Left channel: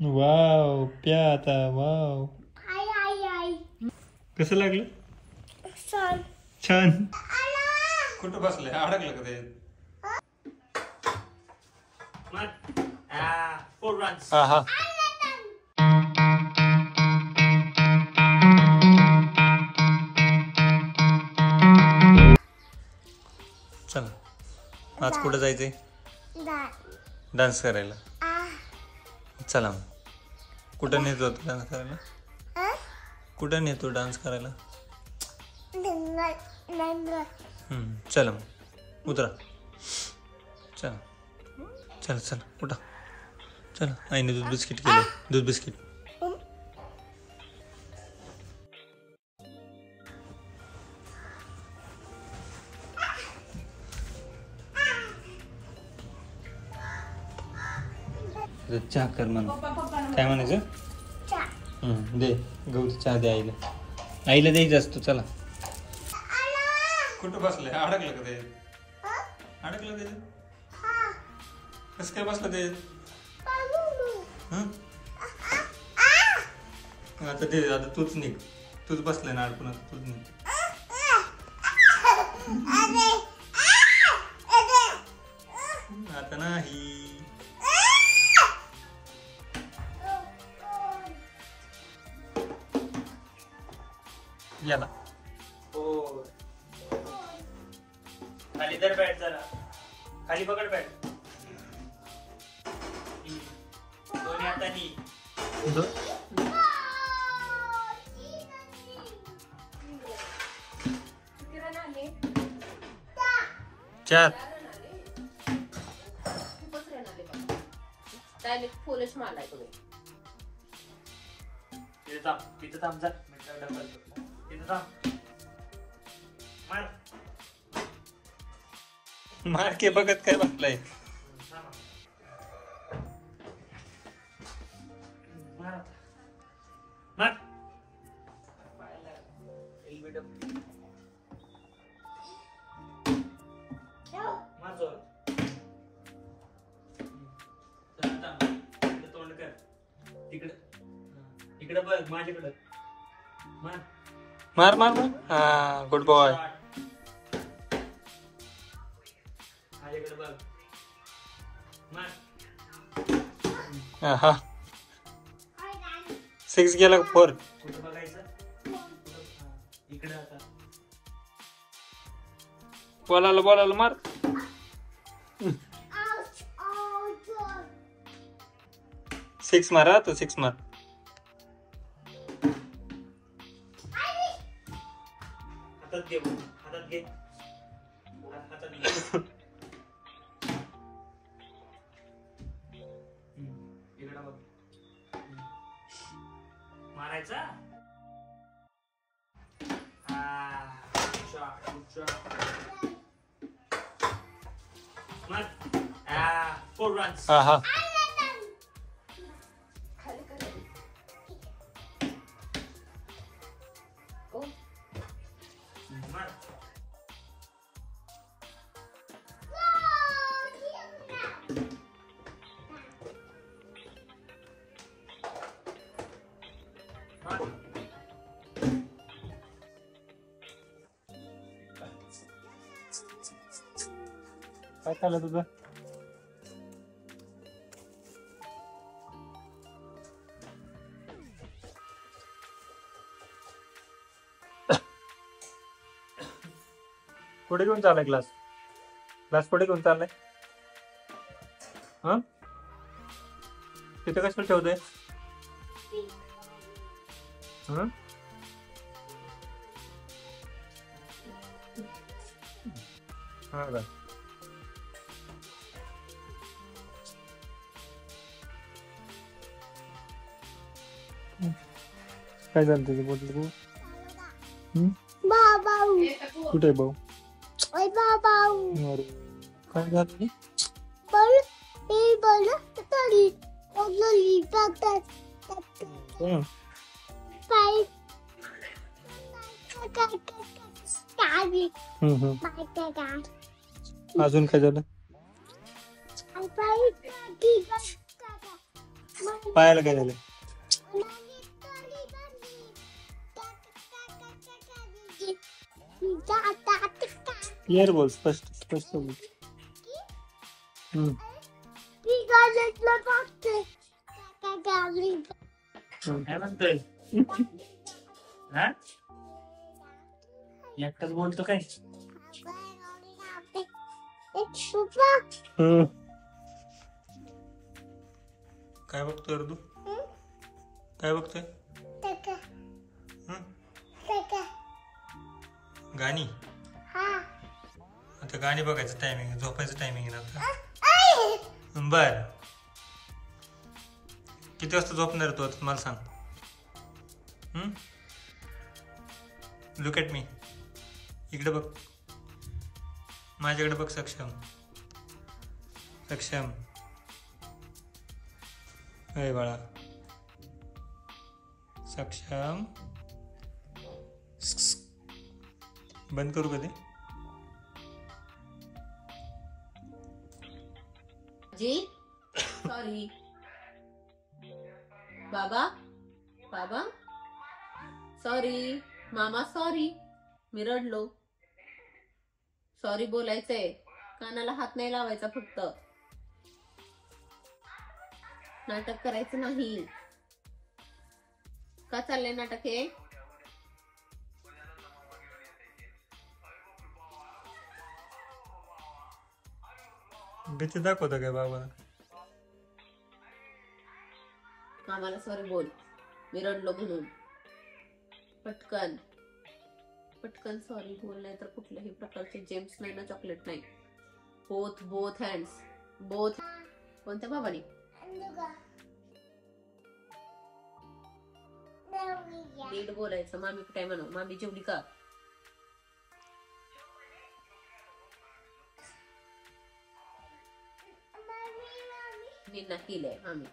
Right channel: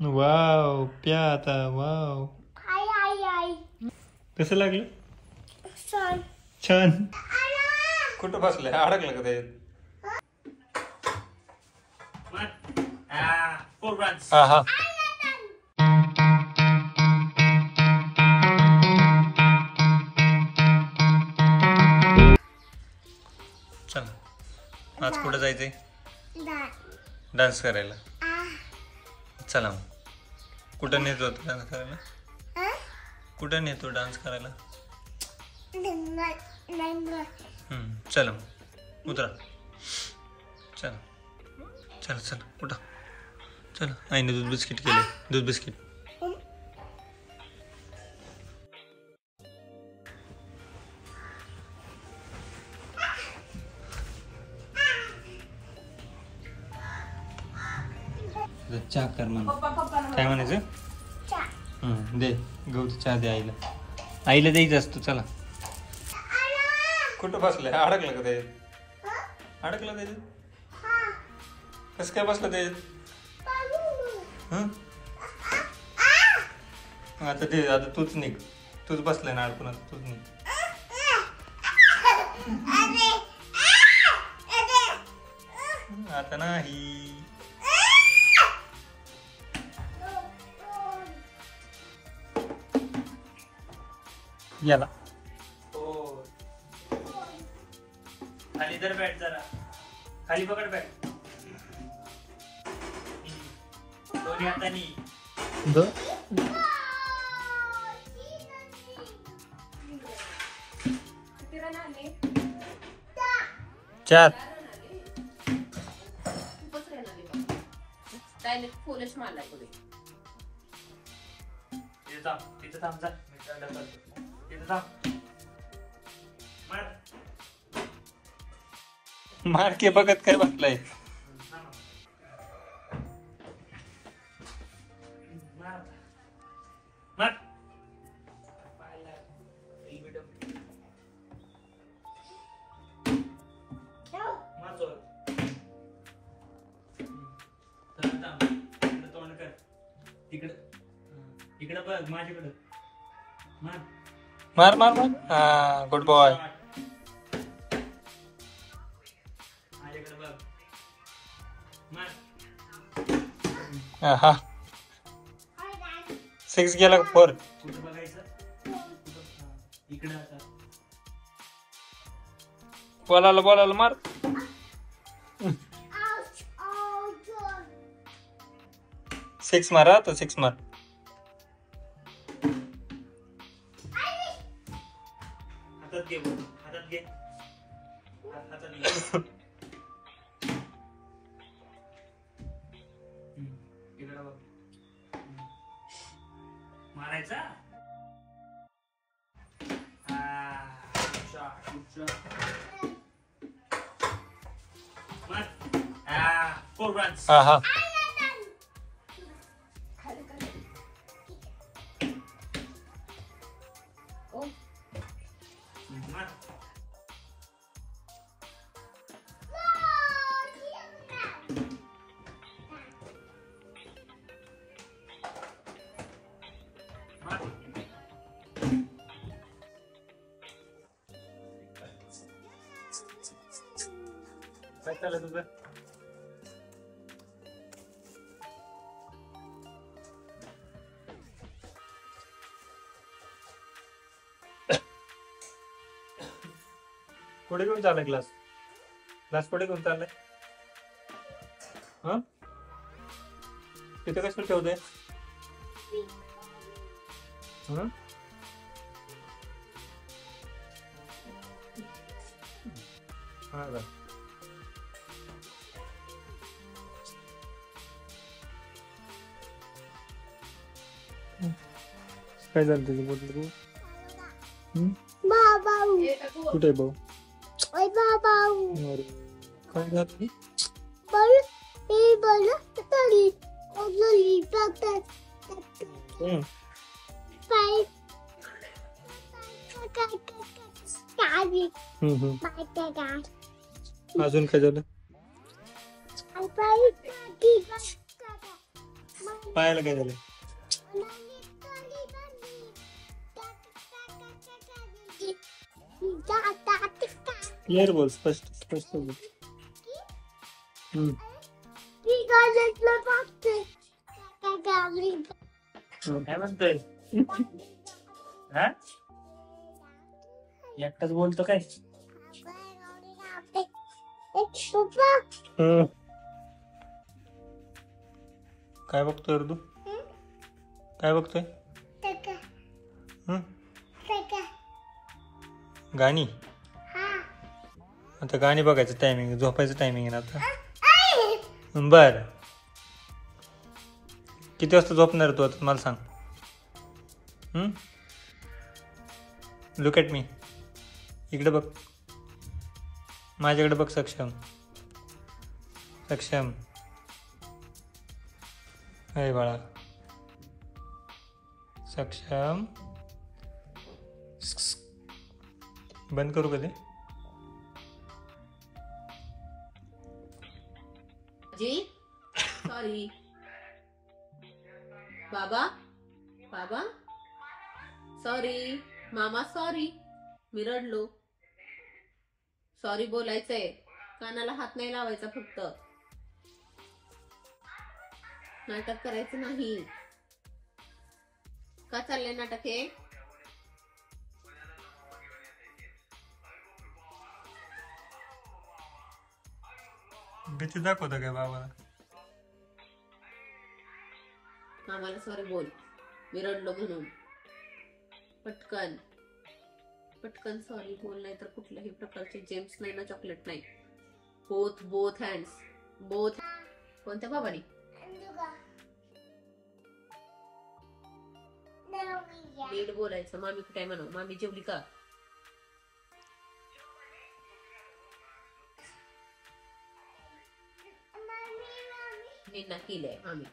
Wow प्या आता wow कसं लागलं छान कुठं बसलंय अडकलं का ते हा हा चल आज कुठं जायचंय डान्स करायला चला मग कुठं नेतो डान्स करायला कुठं नेतो डान्स करायला चला मग उतरा चला चल चल उठा चला आईने दूध बिस्किट केले दूध बिस्किट चहा कर म्हणा काय म्हणायचं दे गहू चहा दे आईला आईला द्यायचं असतो चला कुठं बसलंय अडकलं का ते अडकलं ते कसं काय बसलं ते आता ते आता तूच निघ तूच बसलाय ना अडकून आता तूच निघ आता नाही याला खाली तर बॅट जरा खाली पकड बॅट दोन्ही हातानी चार मार के बघत काय बसलाय तोंड कर इकडे बघ माझ्याकडे मार मार मार हा गुड बॉय माझ्याकडे बघ मार हा 6 गेला 4 कुठं बघायचं इकडे आता बोलायला मार सिक्स मारा तो 6 मार हातात घे इकडे बघ मारायचा फोर रन्स हा काय चाललं तुझं कुठे घेऊन चाललाय क्लास कुठे घेऊन चाललाय हा तिथे कशाला ठेवतोय हा का काय झालं तुझं बोलतो कुठे भाऊ काय झालं अजून काय झालं पायाला काय झालं? क्लिअर बोल, स्पष्ट स्पष्ट बोल. काय म्हणतोय? एकटाच बोलतो काय? काय बघतोय रे तू? काय बघतोय? गाणी. आता गाणी बघायचं टायमिंग, झोपायचं टायमिंग आहे ना आता. बर, किती वाजता झोपणार तू आता मला सांग. Look at me. इकडे बघ, माझ्याकडे बघ. सक्षम सक्षम. अरे बाळा सक्षम. बंद करू कधी? जी सॉरी. बाबा बाबा सॉरी. मामा सॉरी. मी रडलो. सॉरी बोलायचंय, कानाला हात नाही लावायचा, फक्त नाटक करायचं नाही. का चाललंय नाटक हे? भीती दाखवता काय बाबा? मामाला सॉरी बोल, मी रडलो म्हणून. पटकन पटकन सॉरी बोल, नाही तर कुठल्याही प्रकारचे जेम्स नाही ना, चॉकलेट नाही. Both hands. बोथ. कोणत्या बाबानी? नीट बोलायचं. मामी काय म्हणू? मामी जेवली का? निन्ना केलंय मामी.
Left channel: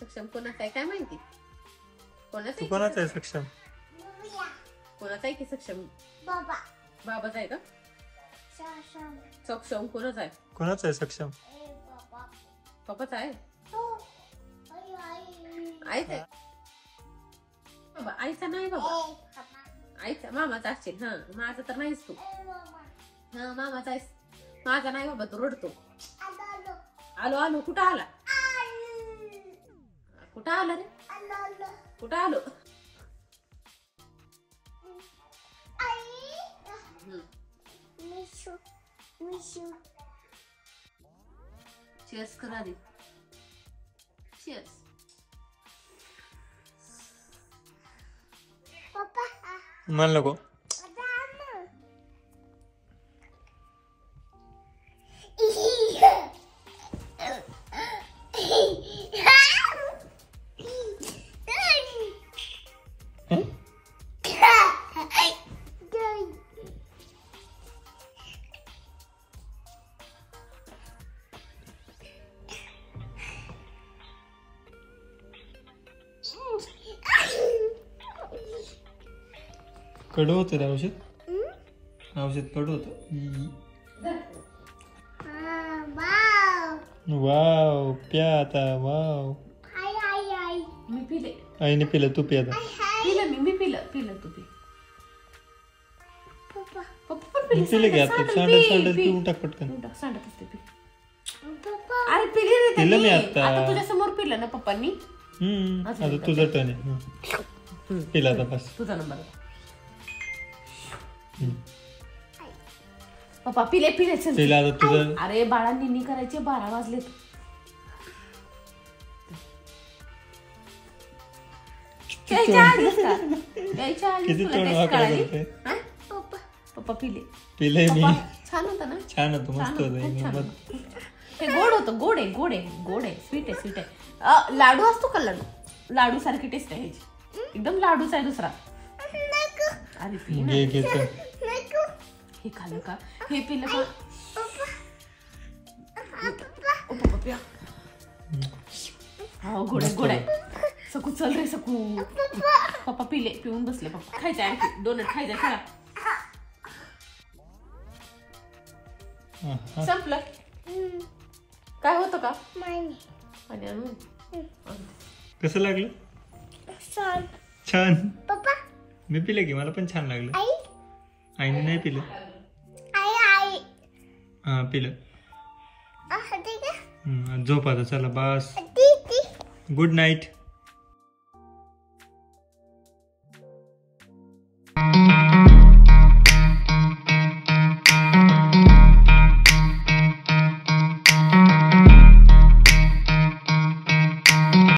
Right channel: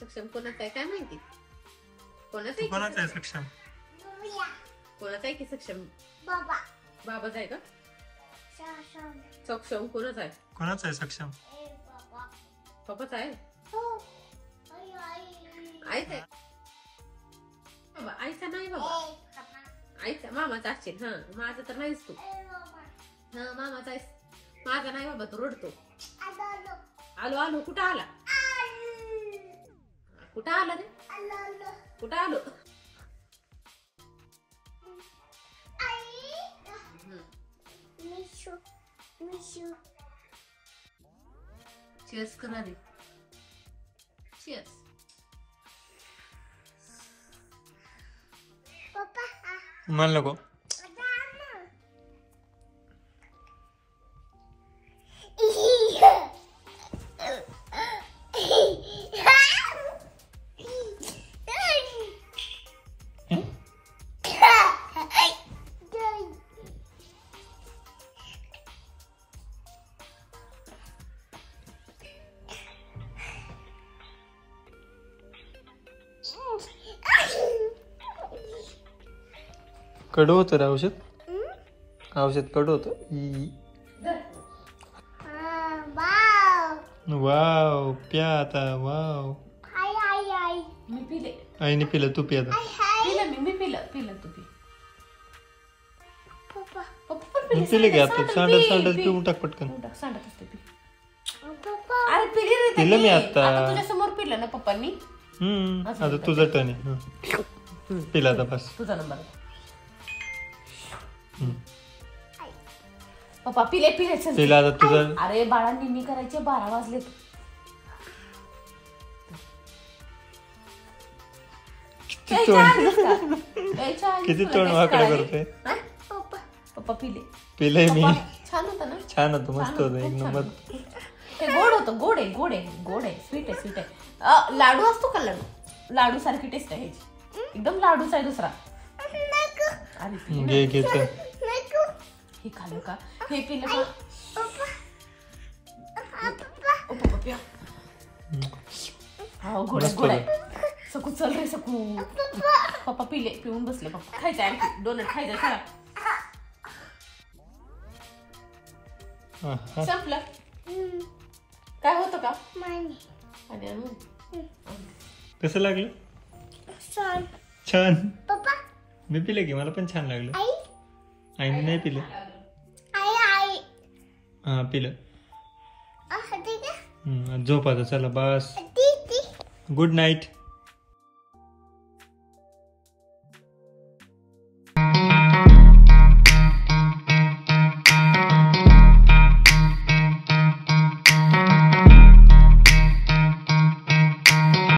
सक्षम कोणाचा आहे काय माहिती? कोणाचा आहे सक्षम? कोणाचा आहे की सक्षम? बाबाचा आहे का? सक्षम कोणाचा आहे? कोणाचा आहे सक्षम? पप्पाचा आहे. आईचा आहे बाबा? आईचा नाही बाबा. आईचा मामाचा असशील. हा, माझा तर नाहीस तू. हा, मामाचा आहेस. माझा नाही बाबा, तू रडतो. आलो आलो. कुठं आला? कुठं आलं रे? कुठं आलो? चीयर्स करा रे. चीयर्स. मला नको. कडू होतं रे औषध. औषध कडू होतं. वाव, प्या आता. वाव, मी पिले. आईने पिलं, तू पी आता. पिलं मी पिलं तू पी. पप्पा पण मी पिलं की आता. सांडत पिऊन टाक पटकन. सांडत असते पी. अरे पिली रे. पिलं मी आता. तुझ्या समोर पिलं ना पप्पांनी. आता तुझं टर्न आहे. पिला आता बस. तुझा नंबर. पप्पा पिले पिला आता तुझं. अरे बाळा, निन्नी करायचे. 12 वाजले. किती तोंड वाकडं करतोय. पप्पा पिलंय मी. छान होतं ना? छान होतं, मस्त होतं, एक नंबर. ते गोड होतं. गोड आहे. स्वीट आहे. लाडू असतो का? लाडू सारखी टेस्ट आहे ह्याची. एकदम लाडूच आहे दुसरा. अरे घे हे खाल्लं का? हे पिलं का? हा, गोड आहे. सकू चल रे सकू. पप्पा पिऊन बसले. पप्पा खायचं आणखी डोनट खायचं. चला संपलं. काय होतं का पाणी आणून? कसं लागलं? छान. पप्पा मी पिलं की मला पण छान लागलं. आईने नाही पिलं. हा पिलं. झोप आता चला बस. Good night.